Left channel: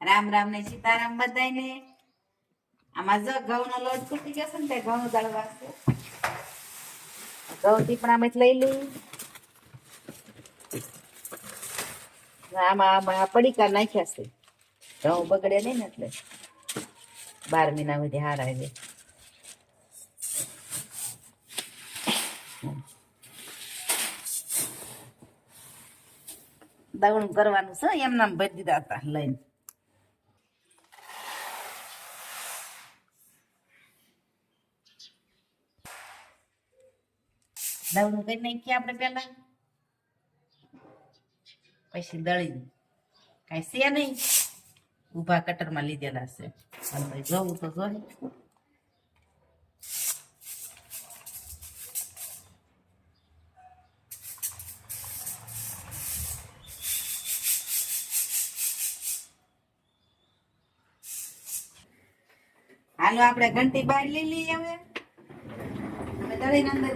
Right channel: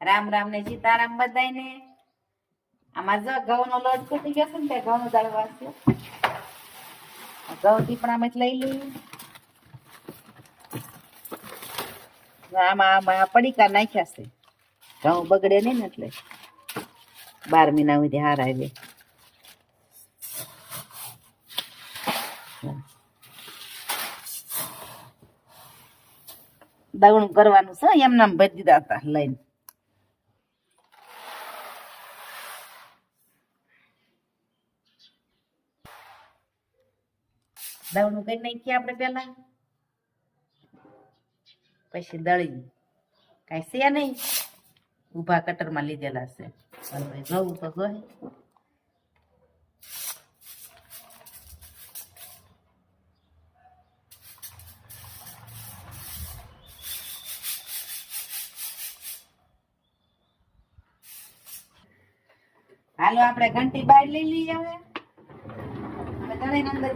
રામ રામ ને સીતારામ બધાયને. આમાં જો ઘઉંનો લોટ ફૂટી ગયો છે ને તે ઘઉં દળવા છે. ઘઉં ટીપણામાં લઈ લઉં આમાં આમાં પડીકા નાખ્યા છે. ઘઉં બગડે નહીં ને એટલે. બાર મહિના સુધી હારા આવે દવણું કરવાનું છે એમને ભજી દીધા હતા લઈને. દવણું કરી નાખીએ આપણે પેલા પછી દળી કાંઈ છે નહીં. ઊભા કટરમાં લીધેલા છે. જોવું તો જોઈએ હાલો, આપણે ઘંટી બહાર લઈ લઈએ હવે. દળીને અંદર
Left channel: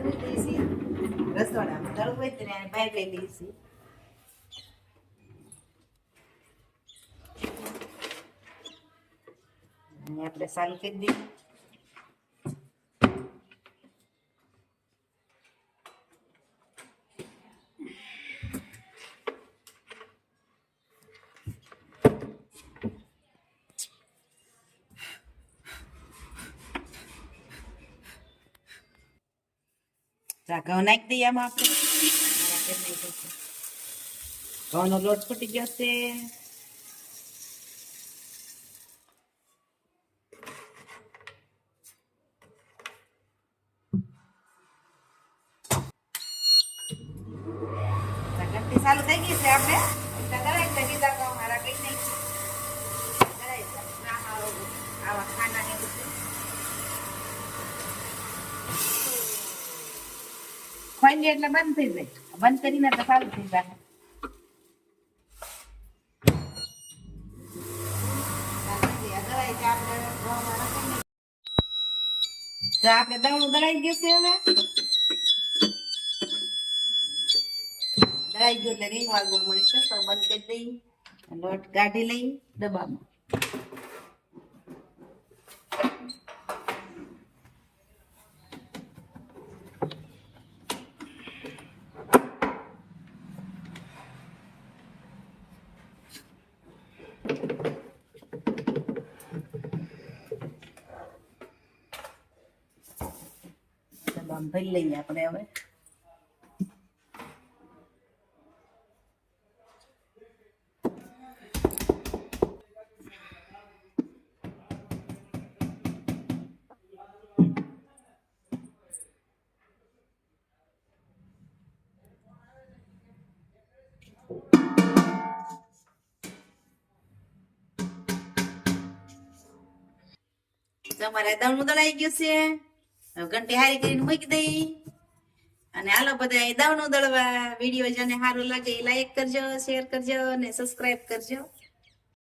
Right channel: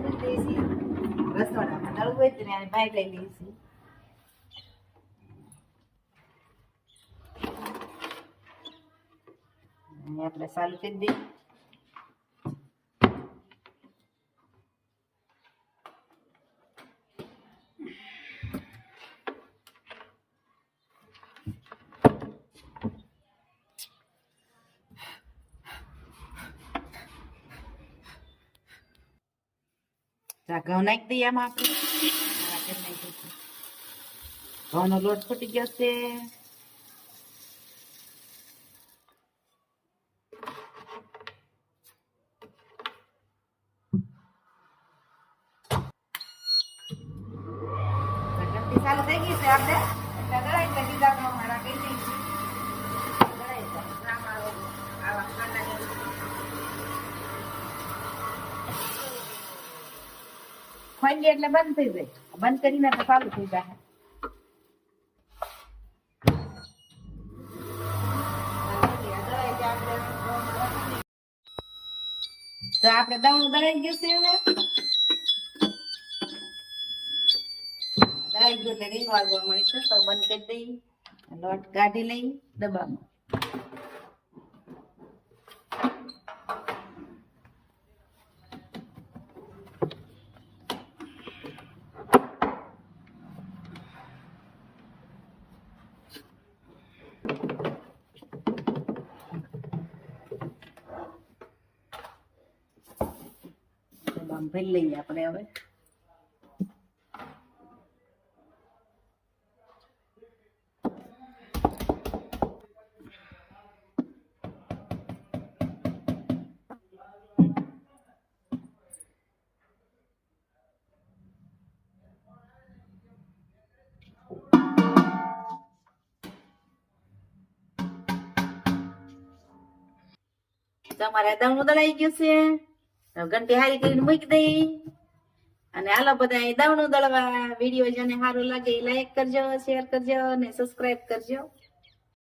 હોય તો ને બહાર લઈ લઈએ છીએ આપણે સારું કરી દઈએ. જા ઘઉં નાખી દઈએ આમાં આપણે આ કરી નાખ્યું છે. ઘઉંનો લોટ ફૂટી ગયો છે ઘંટી ચાલુ થઈ ગઈ છે આપણે એટલે દળાઈ એટલે બીજા ઘઉં મારા કઈ નહીં ખોઈ એટલે બંધ થઈ જાય. બંધ કરીને તો ચાલુ થઈ જાય. તો આપણે દવણું દળાઈ ગયું છે હવે. દળાઈ ગયું એટલે રીંગ વાગવા મળશે તો બંધ કરી દઈ લોટ કાઢી લઈ ડબ્બામાં. ડબ્બામાં ભરી લઈએ આપણે હવે તમારે દવણું મુદલાઈ ગયું છે ઘંટી હારી કરીને મૂકી દઈ. અને આલા બધા દાવણું દળવા. વીડિયો જેને સારું લાગે લાઈક કરજો શેર કરજો અને સબસ્ક્રાઇબ કરજો.